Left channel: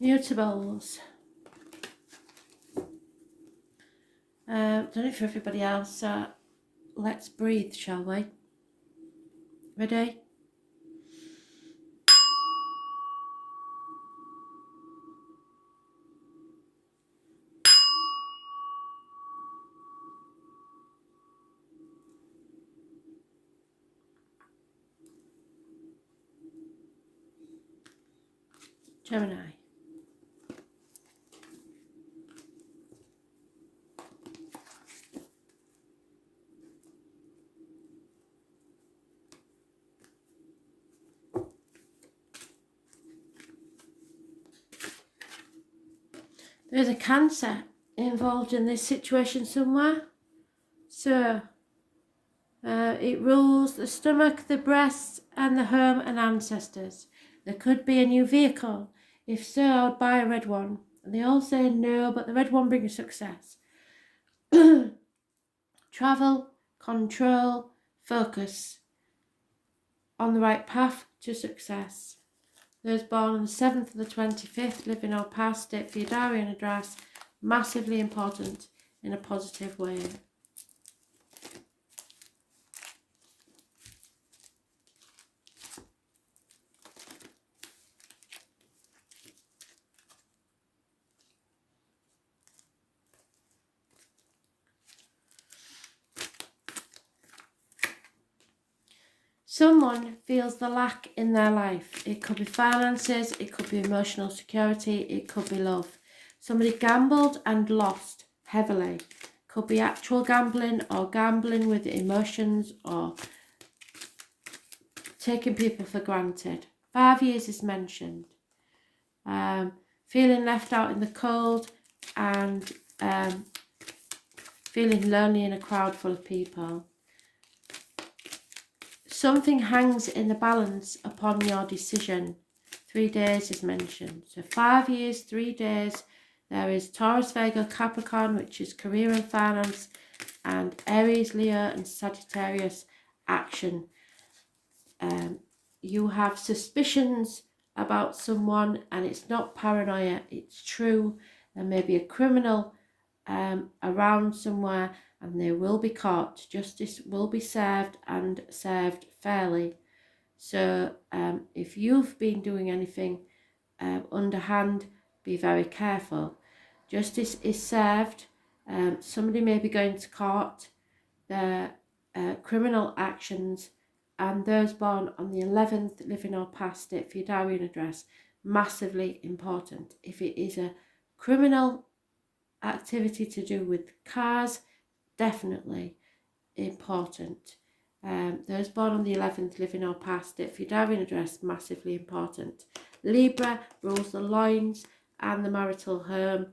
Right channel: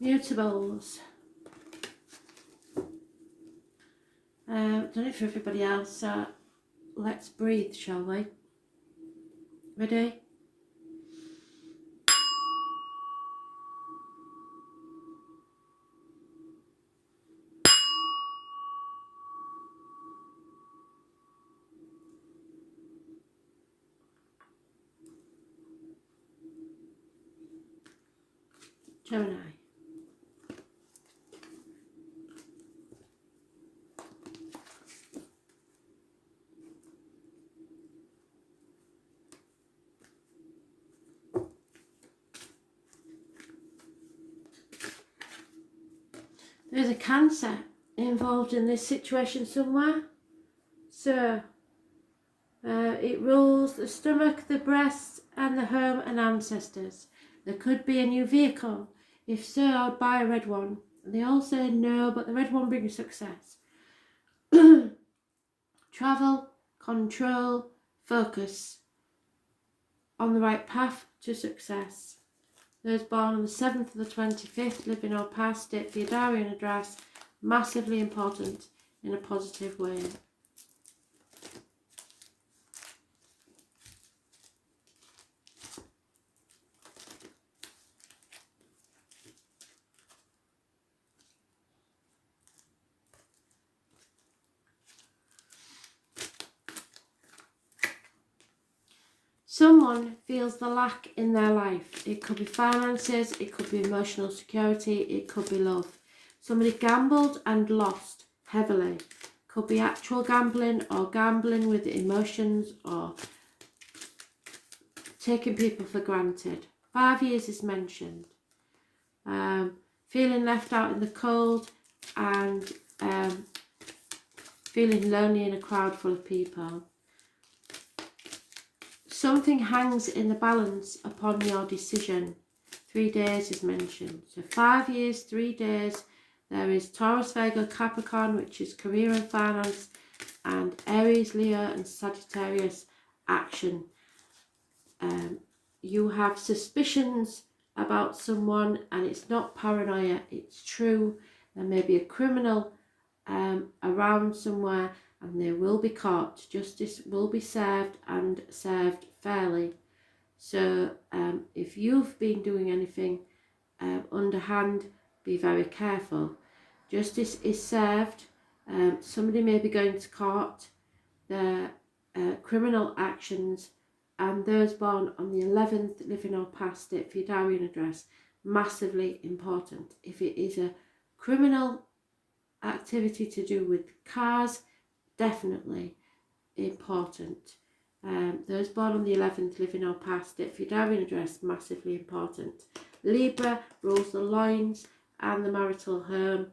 Mutables. Done it for everybody else. Let's breathe, shall we? Ready? Gemini. There's a Cancer involved in this situation somewhere. So, it rules the stomach, the breasts, and the home and ancestors. There could be a new vehicle. If so, buy a red one. And they all say no, but the red one brings success. Travel, control, focus on the right path to success. Those born on the 7th of the 25th, living or past, date for your diary and address, massively important in a positive way. Someone feels the lack in their life. It could be finances, it could be emotional security, it could be love. Somebody gambled and lost heavily. Could be actual gambling or gambling with emotions or taking people for granted. 5 years is mentioned. Feeling left out in the cold and feeling lonely in a crowd full of people. Something hangs in the balance upon your decision. 3 days is mentioned. So 5 years, 3 days. There is Taurus, Virgo, Capricorn, which is career and finance, and Aries, Leo, and Sagittarius, action. You have suspicions about someone, and it's not paranoia, it's true. There may be a criminal around somewhere, and they will be caught. Justice will be served and served fairly. So if you've been doing anything underhand, be very careful. Justice is served. Somebody may be going to court. Their criminal actions, and those born on the 11th, living or past it for your diary and address, massively important. If it is a criminal activity to do with cars, definitely important. Those born on the 11th, living or past it for your diary and address, massively important. Libra rules the loins and the marital home,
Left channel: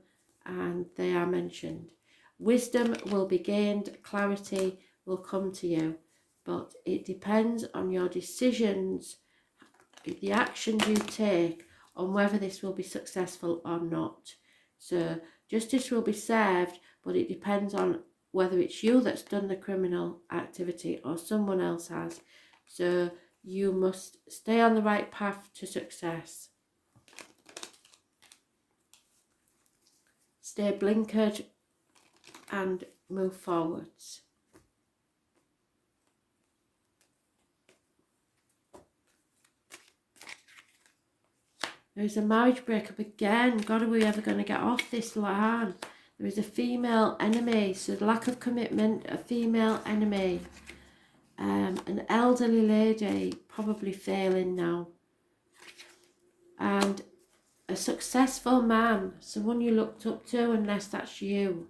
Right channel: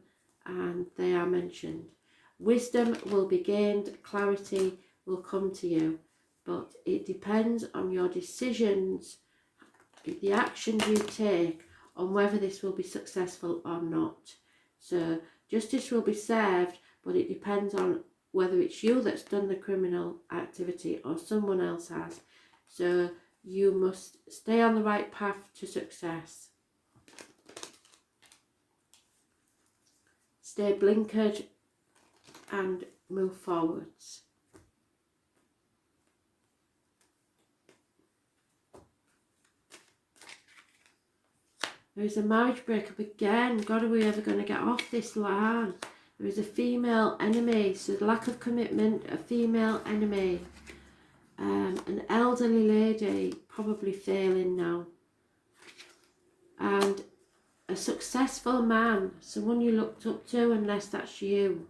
and they are mentioned. Wisdom will be gained, clarity will come to you, but it depends on your decisions, the actions you take, on whether this will be successful or not. So justice will be served, but it depends on whether it's you that's done the criminal activity or someone else has. So you must stay on the right path to success. Stay blinkered and move forwards. There's a marriage breakup again. God, are we ever going to get off this line? There is a female enemy, so lack of commitment, a female enemy. An elderly lady, probably failing now. And a successful man, someone you looked up to, unless that's you.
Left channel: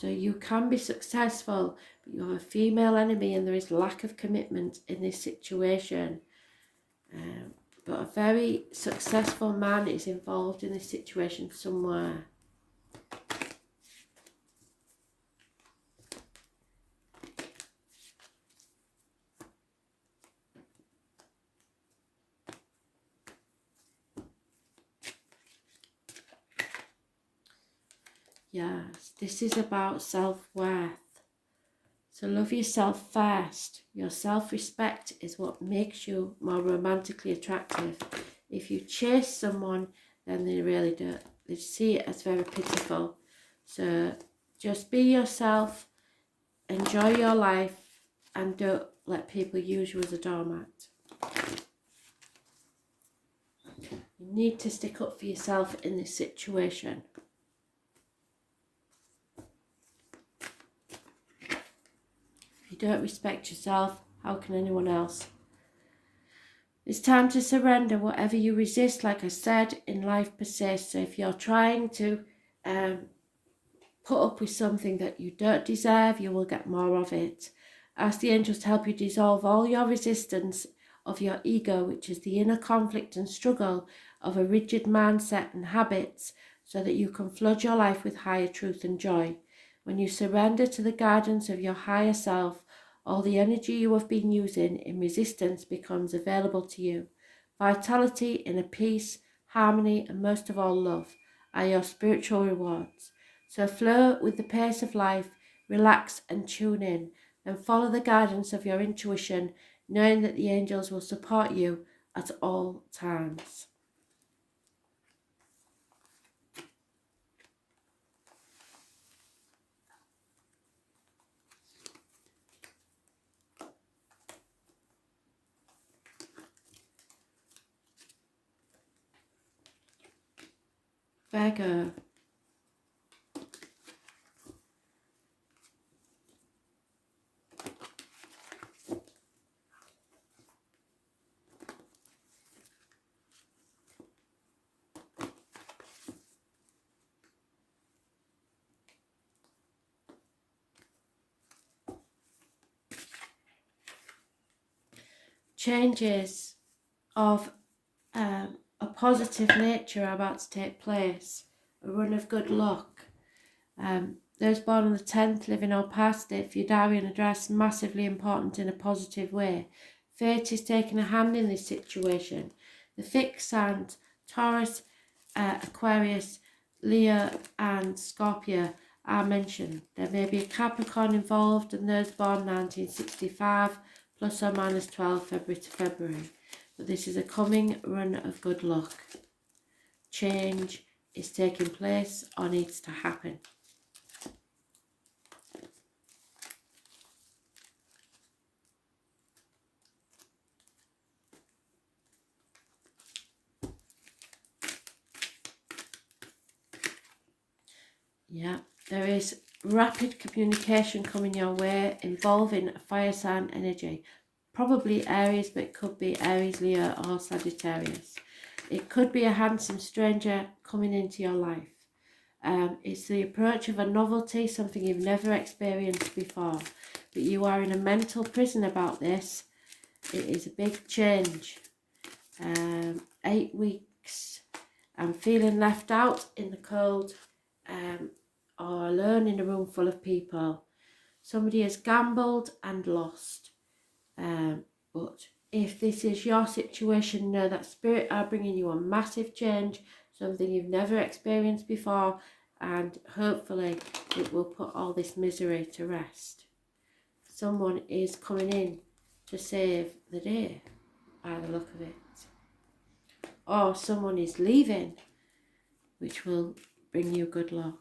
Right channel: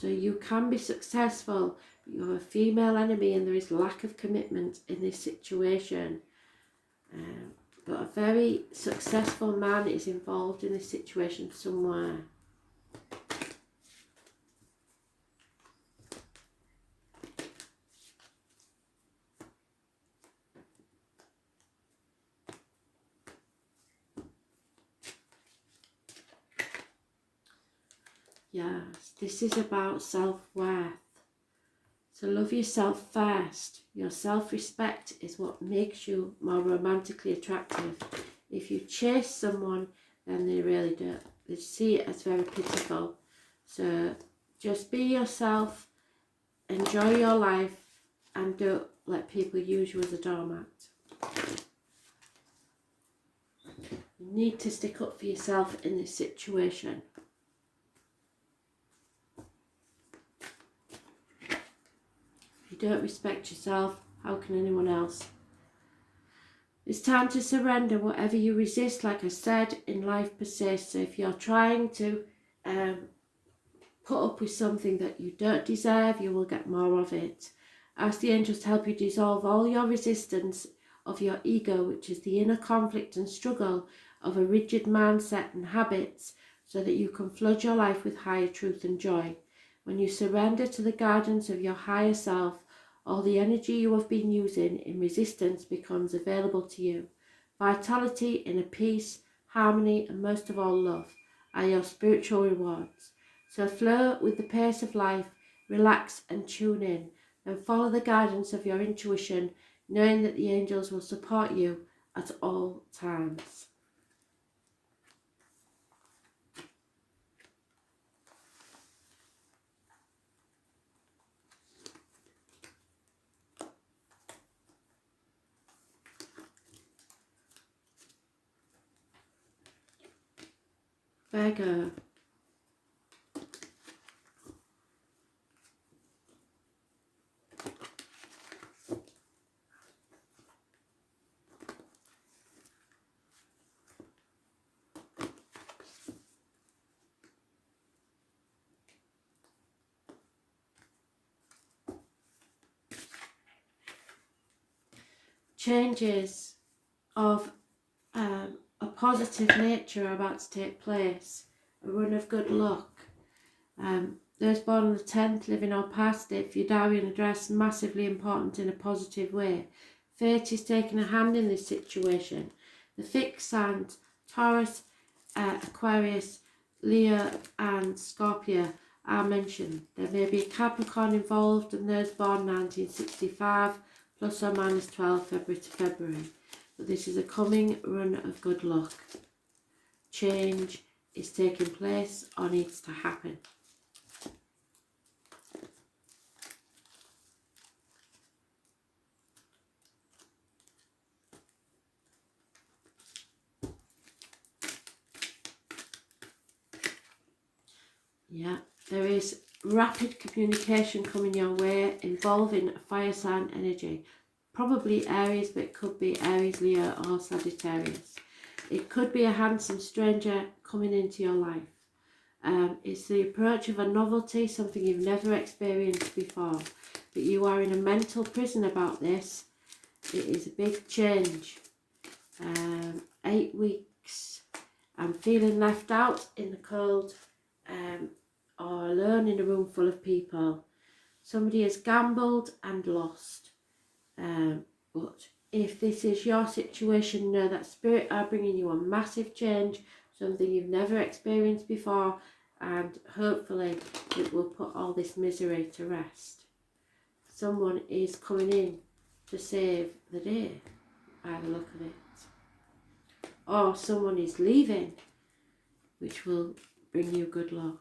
So you can be successful, but you have a female enemy and there is lack of commitment in this situation. But a very successful man is involved in this situation somewhere. Yes, this is about self-worth. So love yourself first. Your self-respect is what makes you more romantically attractive. If you chase someone, then they really do. They see it as very pitiful. So just be yourself, enjoy your life, and don't let people use you as a doormat. You need to stick up for yourself in this situation. If you don't respect yourself, how can anyone else? It's time to surrender. Whatever you resist, like I said, in life persists. So if you're trying to put up with something that you don't deserve, you will get more of it. Ask the angels to help you dissolve all your resistance of your ego, which is the inner conflict and struggle of a rigid mindset and habits, so that you can flood your life with higher truth and joy. When you surrender to the guidance of your higher self, all the energy you have been using in resistance becomes available to you. Vitality, inner peace, harmony, and most of all love are your spiritual rewards. So flow with the pace of life, relax and tune in, and follow the guidance of your intuition, knowing that the angels will support you at all times. Virgo. Changes of a positive nature are about to take place. A run of good luck. Those born on the 10th, living or past it, for your diary and address, massively important in a positive way. Fate is taking a hand in this situation. The fixed signs, Taurus, Aquarius, Leo and Scorpio are mentioned. There may be a Capricorn involved, and those born 1965, plus or minus 12 February to February. But this is a coming run of good luck. Change is taking place or needs to happen. Yeah, there is rapid communication coming your way involving a fire sign energy. Probably Aries, but it could be Aries, Leo or Sagittarius. It could be a handsome stranger coming into your life. It's the approach of a novelty, something you've never experienced before. But you are in a mental prison about this. It is a big change. 8 weeks. I'm feeling left out in the cold. Or alone in a room full of people. Somebody has gambled and lost. But if this is your situation, know that spirit are bringing you a massive change, something you've never experienced before, and hopefully it will put all this misery to rest. Someone is coming in to save the day, by the look of it. Or someone is leaving, which will bring you good luck.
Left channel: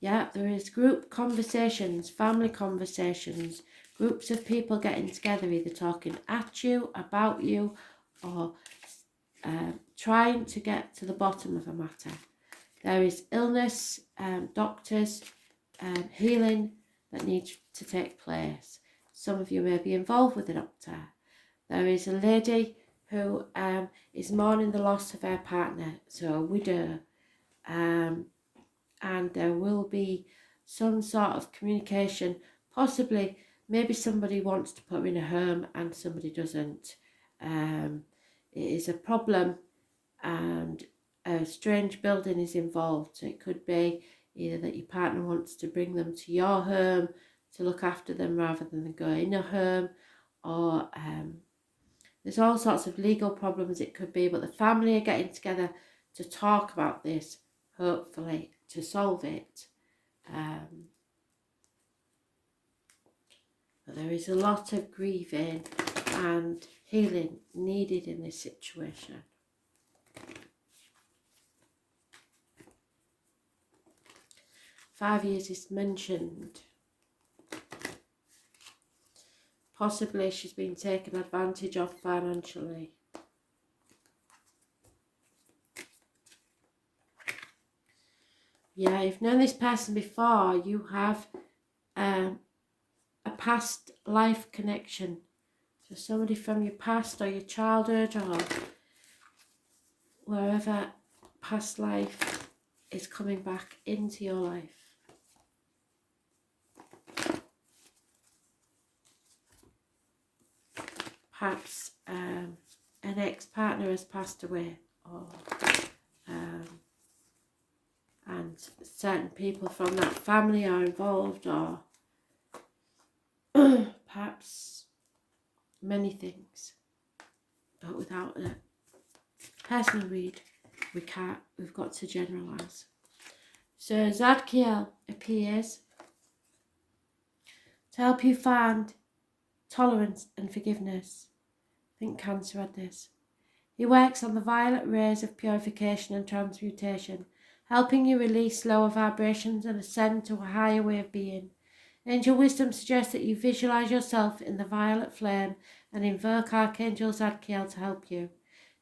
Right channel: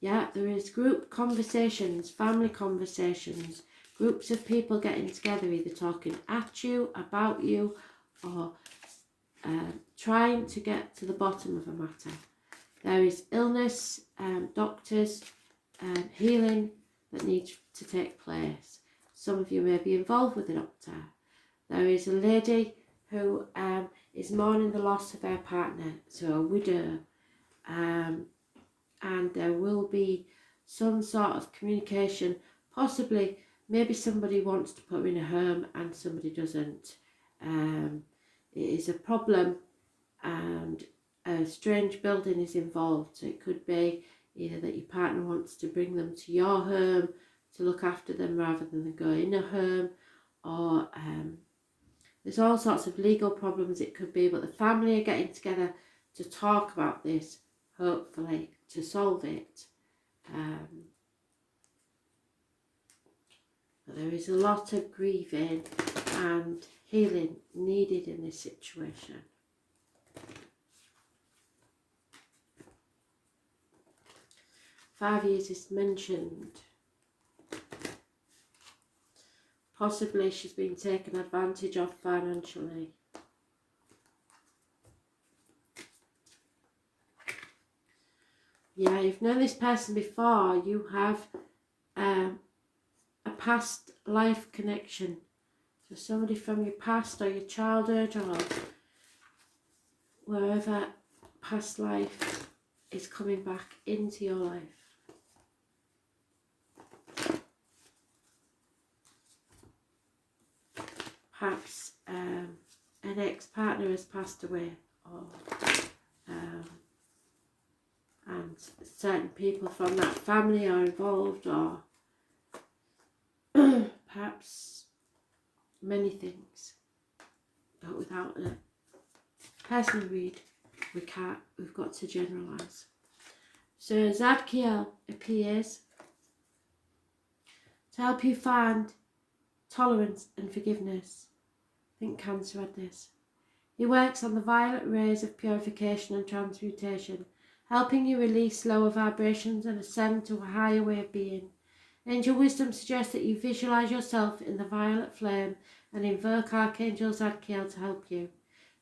Yeah, there is group conversations, family conversations, groups of people getting together, either talking at you, about you, or trying to get to the bottom of a matter. There is illness, doctors, healing that needs to take place. Some of you may be involved with a doctor. There is a lady who is mourning the loss of her partner, so a widow. And there will be some sort of communication, possibly maybe somebody wants to put her in a home and somebody doesn't. It is a problem and a strange building is involved. So it could be either that your partner wants to bring them to your home to look after them rather than go in a home, or there's all sorts of legal problems it could be, but the family are getting together to talk about this, hopefully to solve it. But there is a lot of grieving and healing needed in this situation. 5 years is mentioned. Possibly she's been taken advantage of financially. Yeah, you've known this person before. You have a past life connection. So somebody from your past or your childhood or wherever, past life is coming back into your life. Perhaps an ex-partner has passed away, or and certain people from that family are involved, or perhaps many things. But without a personal read, we've got to generalise. So Zadkiel appears to help you find tolerance and forgiveness. I think Cancer had this. He works on the violet rays of purification and transmutation, helping you release lower vibrations and ascend to a higher way of being. Angel wisdom suggests that you visualise yourself in the violet flame and invoke Archangel Zadkiel to help you.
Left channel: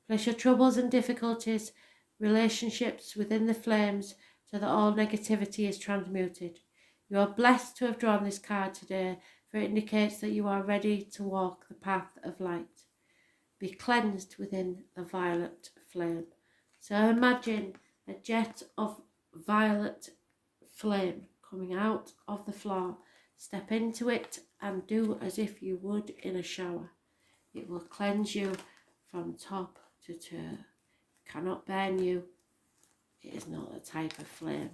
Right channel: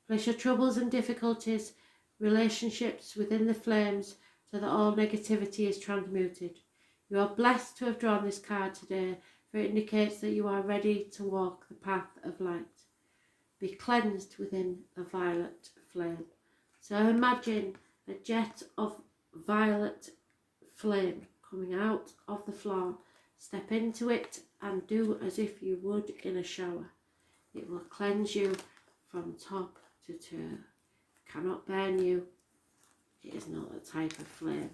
Place your troubles and difficulties, relationships within the flames so that all negativity is transmuted. You are blessed to have drawn this card today, for it indicates that you are ready to walk the path of light. Be cleansed within the violet flame. So imagine a jet of violet flame coming out of the floor. Step into it and do as if you would in a shower. It will cleanse you from top to toe. Cannot burn you. It is not a type of flame.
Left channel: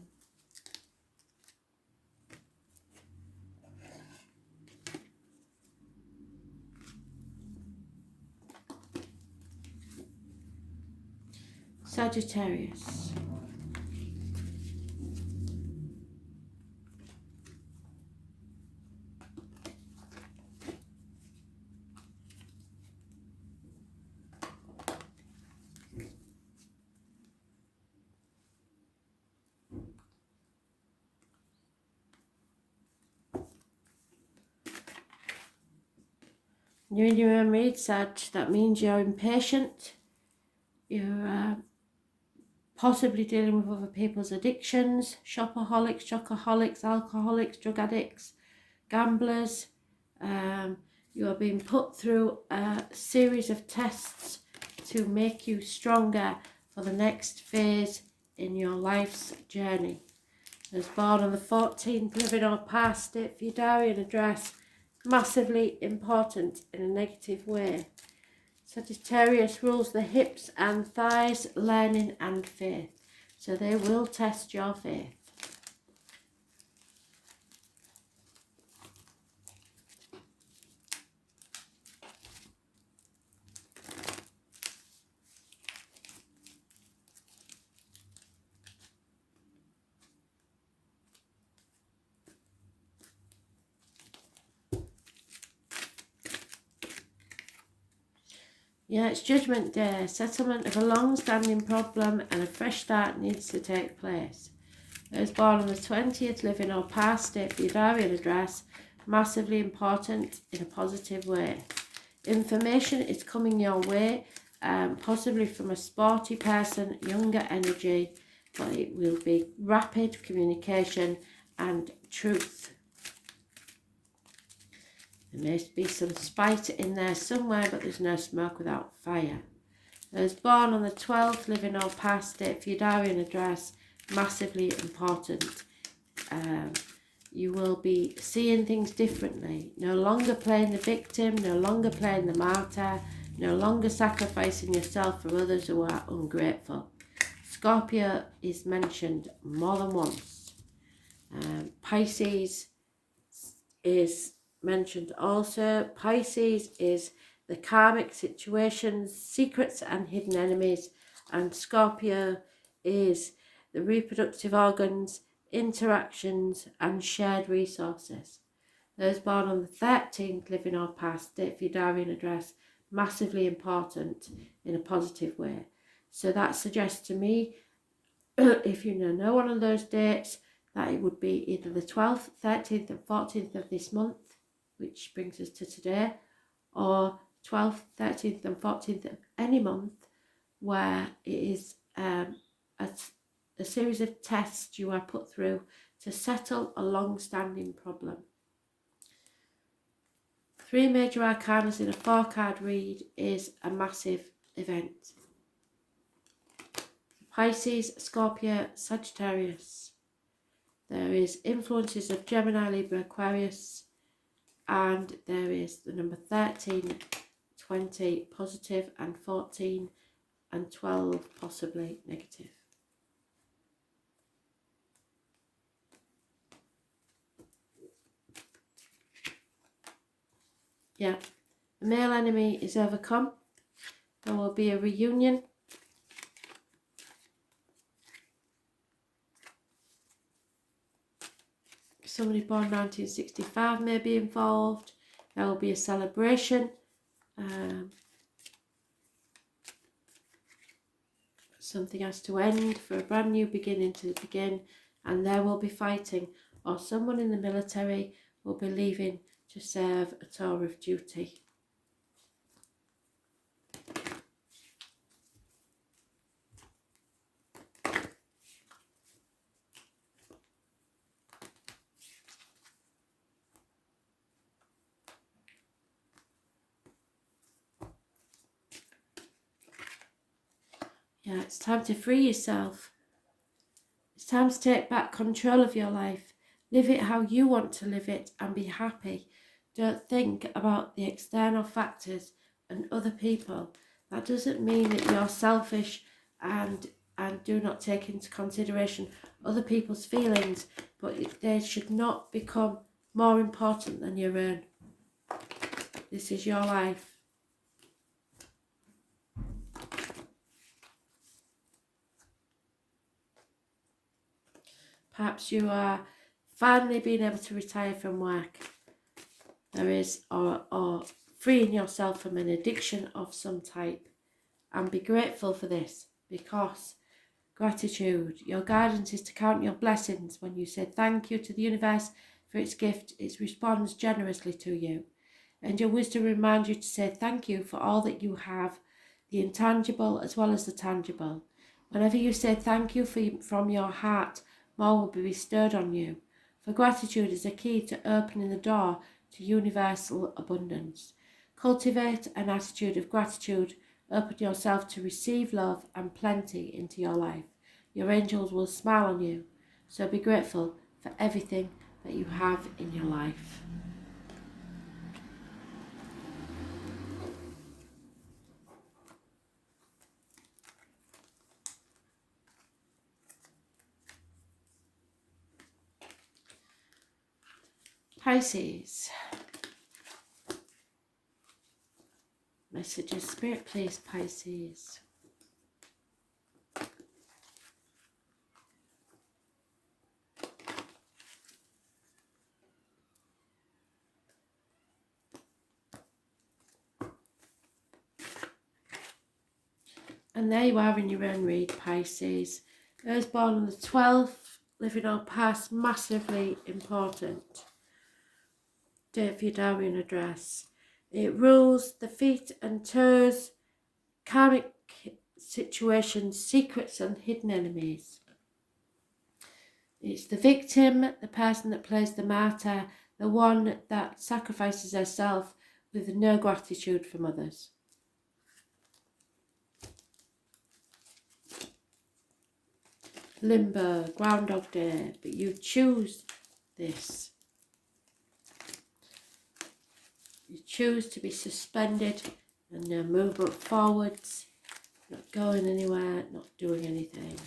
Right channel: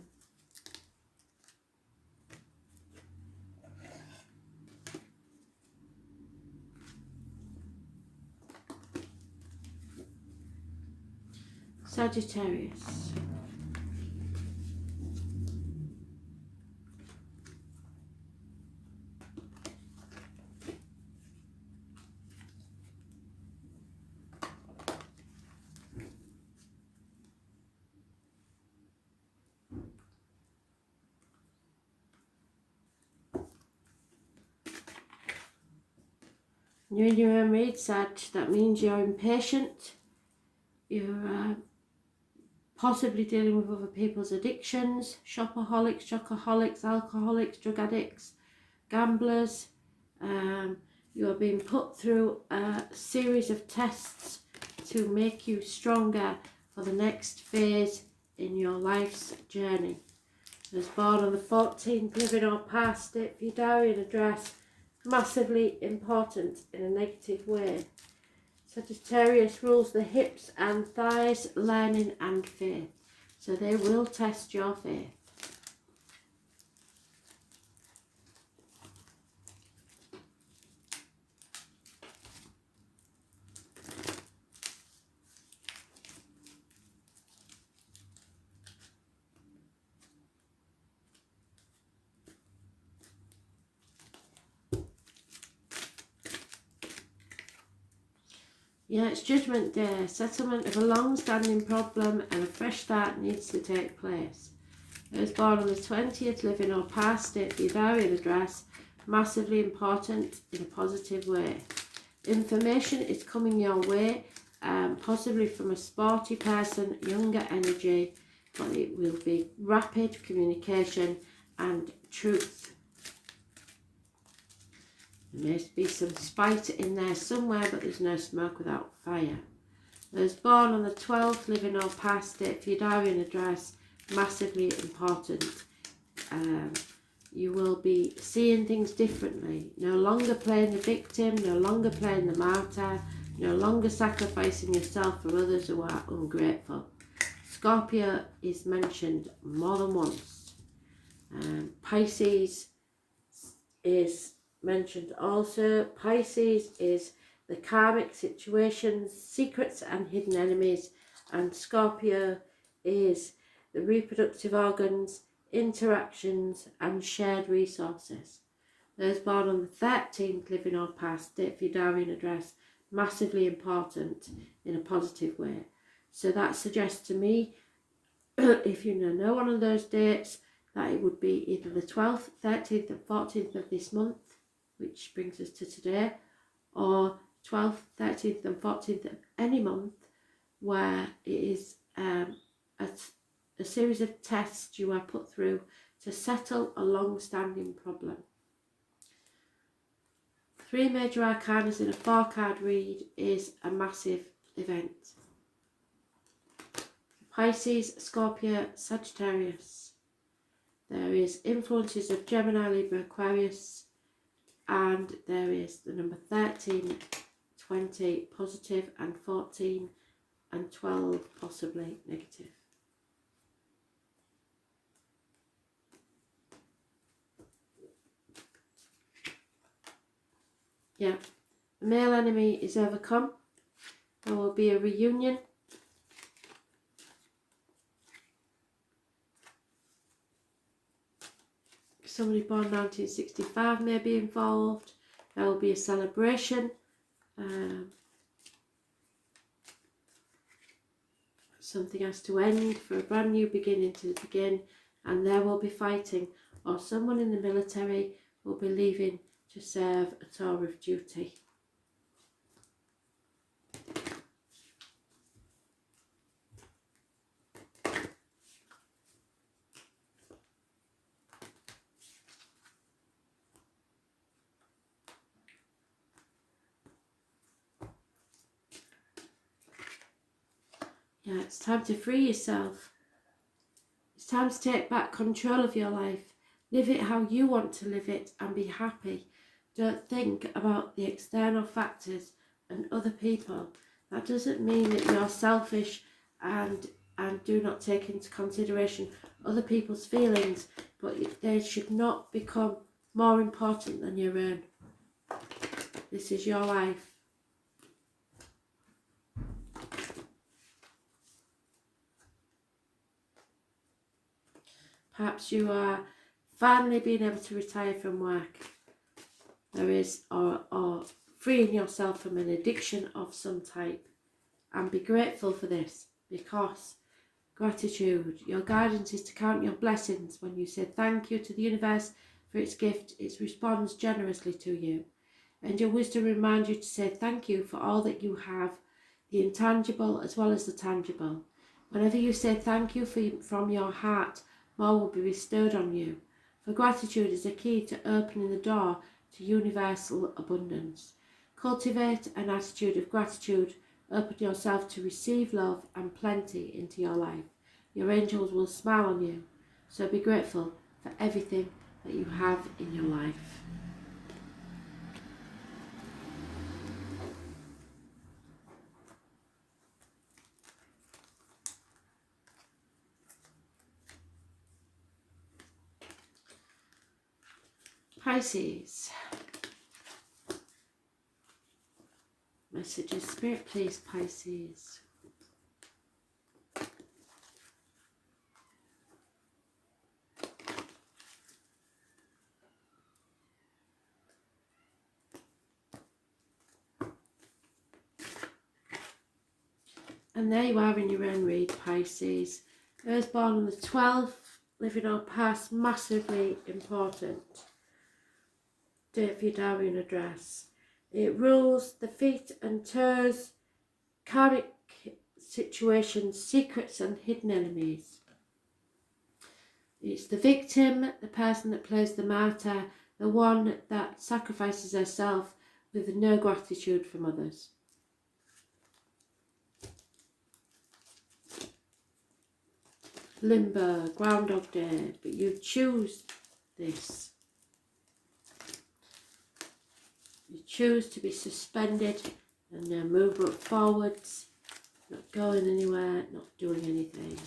Sagittarius. You're in your own read, Sag. That means you're impatient. You're possibly dealing with other people's addictions, shopaholics, chocoholics, alcoholics, drug addicts, gamblers. You are being put through a series of tests to make you stronger for the next phase in your life's journey. As born on the 14th, living or past it, for your diary and address, massively important in a negative way. Sagittarius rules the hips and thighs, learning and faith. So they will test your faith. Yeah, it's Judgment Day. Settlement of a long-standing problem and a fresh start needs to take place. Those born on the 20th, living or past it, for your diary and address, massively important in a positive way. Information is coming your way, possibly from a sporty person, younger energy, but it will be rapid communication and truth. There may be some spite in there somewhere, but there's no smoke without fire. Those born on the 12th, living or past it, for your diary and address, massively important. You will be seeing things differently. No longer playing the victim, no longer playing the martyr, no longer sacrificing yourself for others who are ungrateful. Scorpio is mentioned more than once. Pisces is mentioned also. Pisces is the karmic situations, secrets and hidden enemies, and Scorpio is the reproductive organs, interactions and shared resources. Those born on the 13th, living or past, date for your diary and address, massively important in a positive way. So that suggests to me, if you know no one on those dates, that it would be either the 12th, 13th and 14th of this month, which brings us to today, or 12th, 13th and 14th of any month, where it is a series of tests you are put through to settle a long-standing problem. 3 major arcanas in a 4-card read is a massive event. Pisces, Scorpio, Sagittarius. There is influences of Gemini, Libra, Aquarius, and there is the number 13, 20 positive, and 14 and 12 possibly negative. Yeah, the male enemy is overcome. There will be a reunion. Somebody born 1965 may be involved. There will be a celebration. Something has to end for a brand new beginning to begin, and there will be fighting, or someone in the military will be leaving to serve a tour of duty. Yeah, it's time to free yourself. It's time to take back control of your life. Live it how you want to live it and be happy. Don't think about the external factors and other people. That doesn't mean that you're selfish and do not take into consideration other people's feelings, but they should not become more important than your own. This is your life. Perhaps you are finally being able to retire from work. There is, or freeing yourself from an addiction of some type. And be grateful for this, because gratitude, your guidance is to count your blessings. When you say thank you to the universe for its gift, it responds generously to you. And your wisdom reminds you to say thank you for all that you have, the intangible as well as the tangible. Whenever you say thank you from your heart, more will be bestowed on you. For gratitude is a key to opening the door to universal abundance. Cultivate an attitude of gratitude. Open yourself to receive love and plenty into your life. Your angels will smile on you. So be grateful for everything that you have in your life. Pisces. Messages, Spirit, please, Pisces. And there you are in your own read, Pisces. Those born on the 12th, living our past, massively important. Date for your diary and address. It rules the feet and toes, karmic situations, secrets and hidden enemies. It's the victim, the person that plays the martyr, the one that sacrifices herself with no gratitude from others. Limbo, Groundhog Day, but you choose this. You choose to be suspended and no movement forwards, not going anywhere, not doing anything.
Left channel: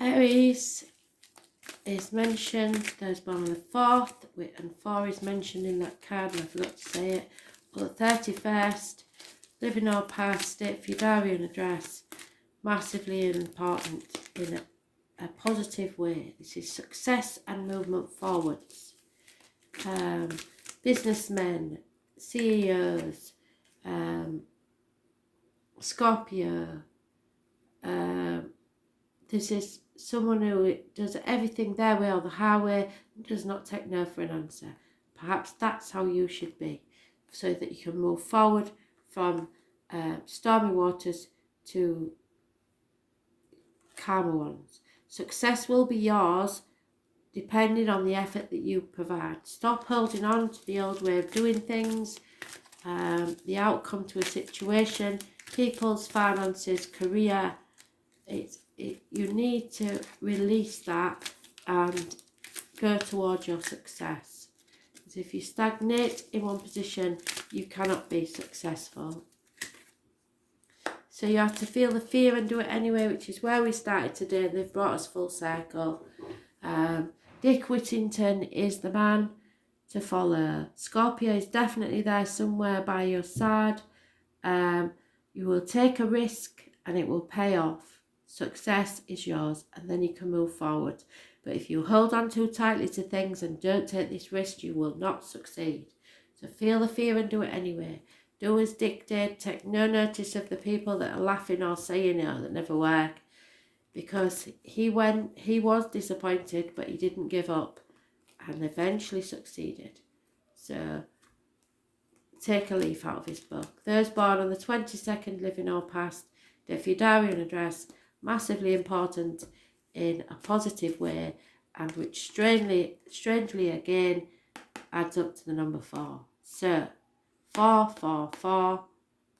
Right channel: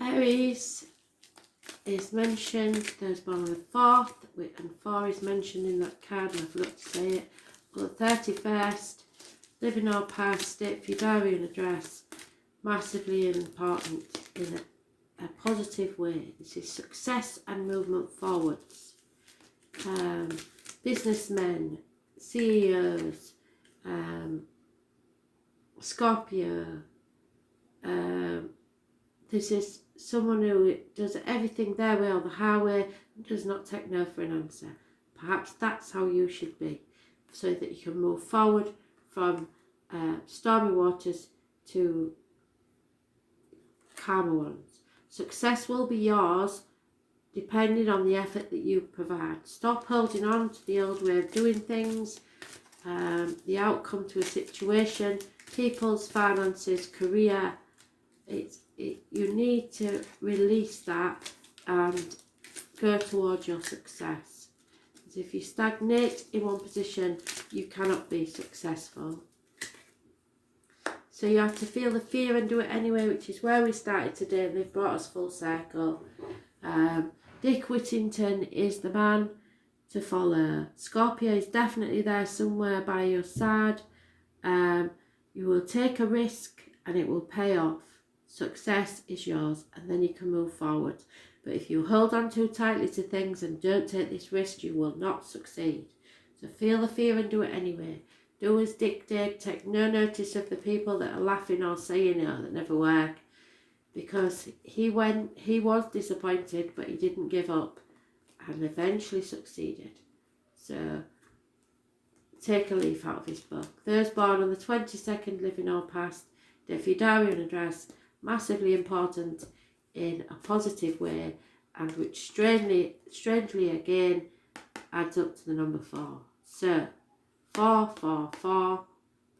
Aries is mentioned, those born on the 4th, and 4 is mentioned in that card, and I forgot to say it. On the 31st, living our past, date for your diary and address, massively important in a positive way. This is success and movement forwards. Businessmen, CEOs, Scorpio. This is someone who does everything their way or the highway and does not take no for an answer. Perhaps that's how you should be, so that you can move forward from stormy waters to calmer ones. Success will be yours depending on the effort that you provide. Stop holding on to the old way of doing things, the outcome to a situation, people's finances, career. You need to release that and go towards your success. Because if you stagnate in one position, you cannot be successful. So you have to feel the fear and do it anyway, which is where we started today. They've brought us full circle. Dick Whittington is the man to follow. Scorpio is definitely there somewhere by your side. You will take a risk and it will pay off. Success is yours, and then you can move forward. But if you hold on too tightly to things and don't take this risk, you will not succeed. So feel the fear and do it anyway. Do as Dick did. Take no notice of the people that are laughing or saying it that never work. Because he was disappointed, but he didn't give up and eventually succeeded. So take a leaf out of his book. Those born on the 22nd, living or past, if your diary and address, massively important in a positive way, and which strangely again adds up to the number 4. So 4, 4, 4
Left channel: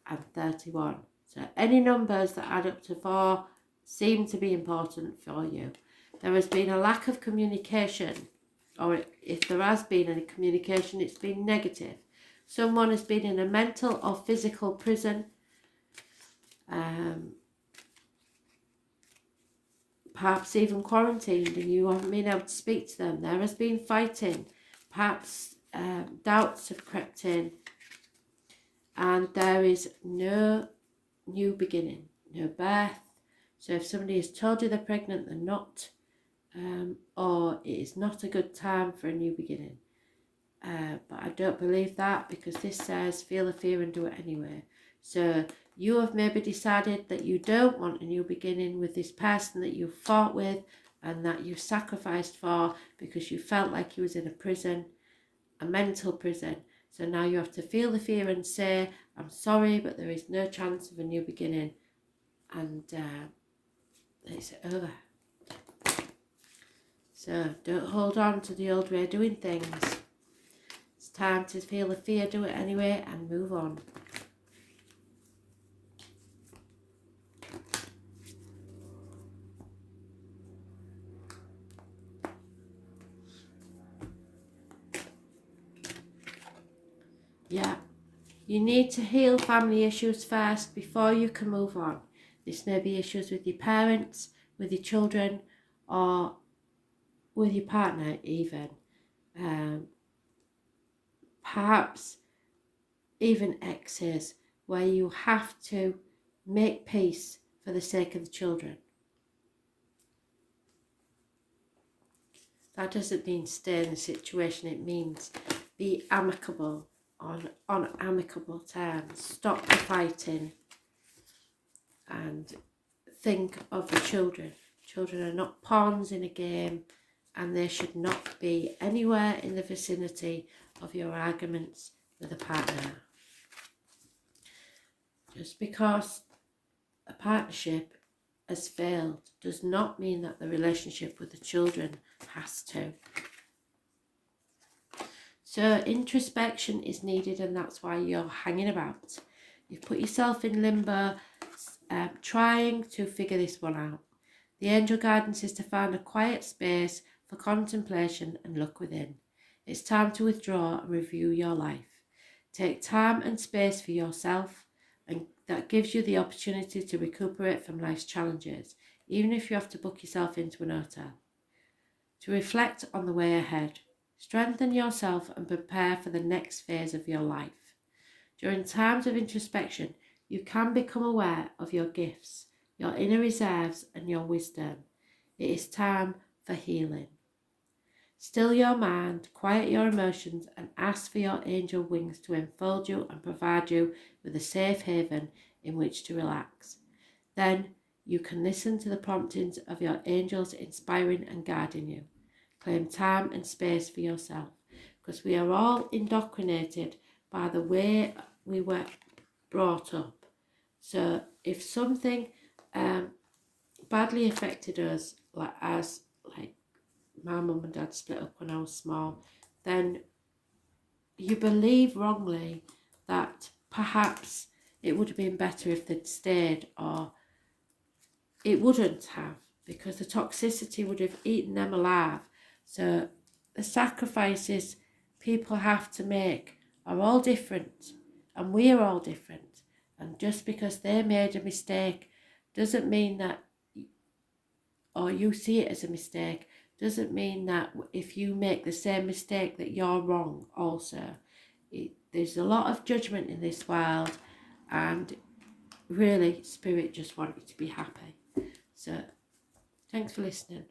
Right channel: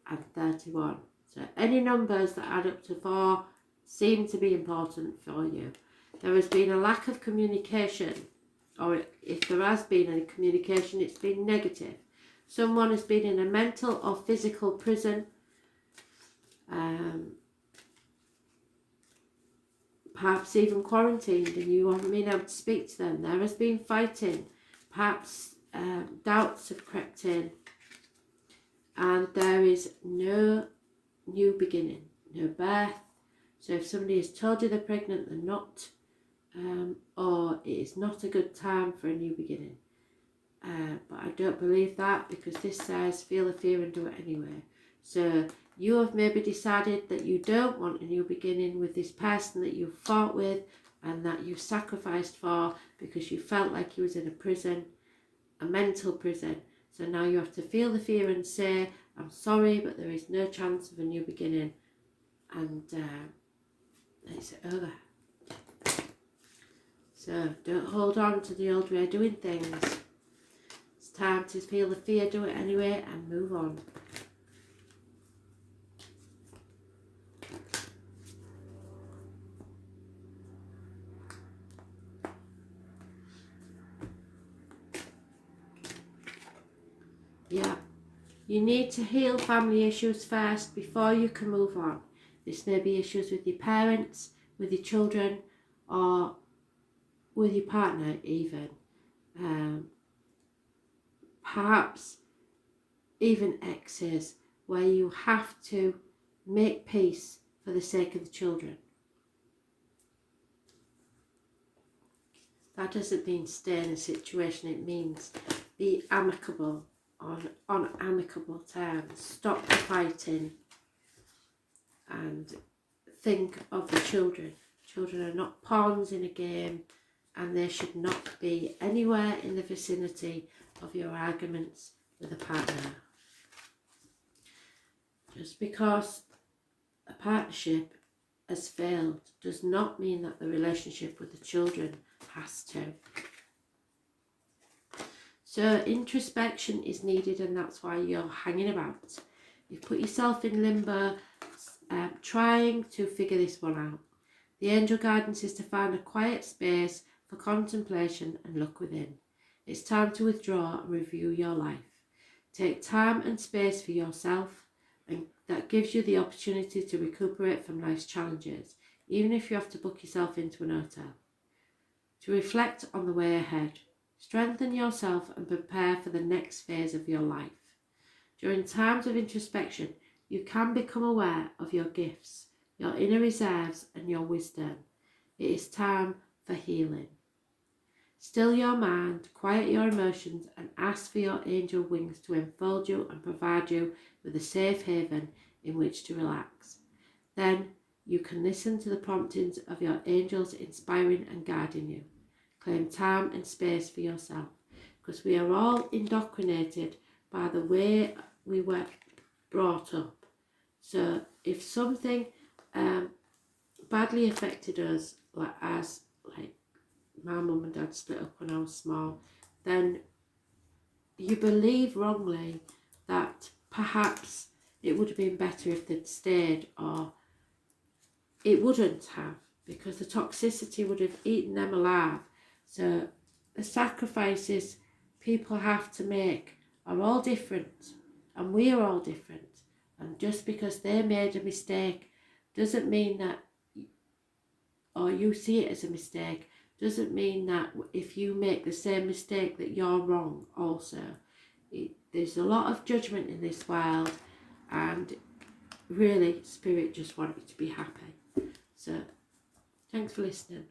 and 31. So any numbers that add up to 4 seem to be important for you. There has been a lack of communication, or if there has been any communication, it's been negative. Someone has been in a mental or physical prison. Perhaps even quarantined, and you haven't been able to speak to them. There has been fighting. Perhaps doubts have crept in. And there is no new beginning, no birth. So if somebody has told you they're pregnant, they're not, or it is not a good time for a new beginning. But I don't believe that, because this says feel the fear and do it anyway. So you have maybe decided that you don't want a new beginning with this person that you fought with and that you sacrificed for because you felt like he was in a prison, a mental prison. So now you have to feel the fear and say, I'm sorry, but there is no chance of a new beginning. And it's over. So don't hold on to the old way of doing things. It's time to feel the fear, do it anyway, and move on. Yeah, you need to heal family issues first before you can move on. This may be issues with your parents, with your children, or with your partner even. Perhaps even exes, where you have to make peace for the sake of the children. That doesn't mean stay in a situation, it means be amicable. On amicable terms. Stop the fighting and think of the children. Children are not pawns in a game, and they should not be anywhere in the vicinity of your arguments with a partner. Just because a partnership has failed does not mean that the relationship with the children has to. So introspection is needed, and that's why you're hanging about. You've put yourself in limbo, trying to figure this one out. The angel guidance is to find a quiet space for contemplation and look within. It's time to withdraw and review your life. Take time and space for yourself, and that gives you the opportunity to recuperate from life's challenges, even if you have to book yourself into an hotel. To reflect on the way ahead. Strengthen yourself and prepare for the next phase of your life. During times of introspection, you can become aware of your gifts, your inner reserves and your wisdom. It is time for healing. Still your mind, quiet your emotions, and ask for your angel wings to enfold you and provide you with a safe haven in which to relax. Then you can listen to the promptings of your angels inspiring and guiding you. Claim time and space for yourself, because we are all indoctrinated by the way we were brought up. So if something badly affected us, like my mum and dad split up when I was small, then you believe wrongly that perhaps it would have been better if they'd stayed, or it wouldn't have, because the toxicity would have eaten them alive. So the sacrifices people have to make are all different, and we're all different. And just because they made a mistake doesn't mean that, or you see it as a mistake, doesn't mean that if you make the same mistake that you're wrong also. There's a lot of judgment in this world, and really Spirit just wants you to be happy. So thanks for listening.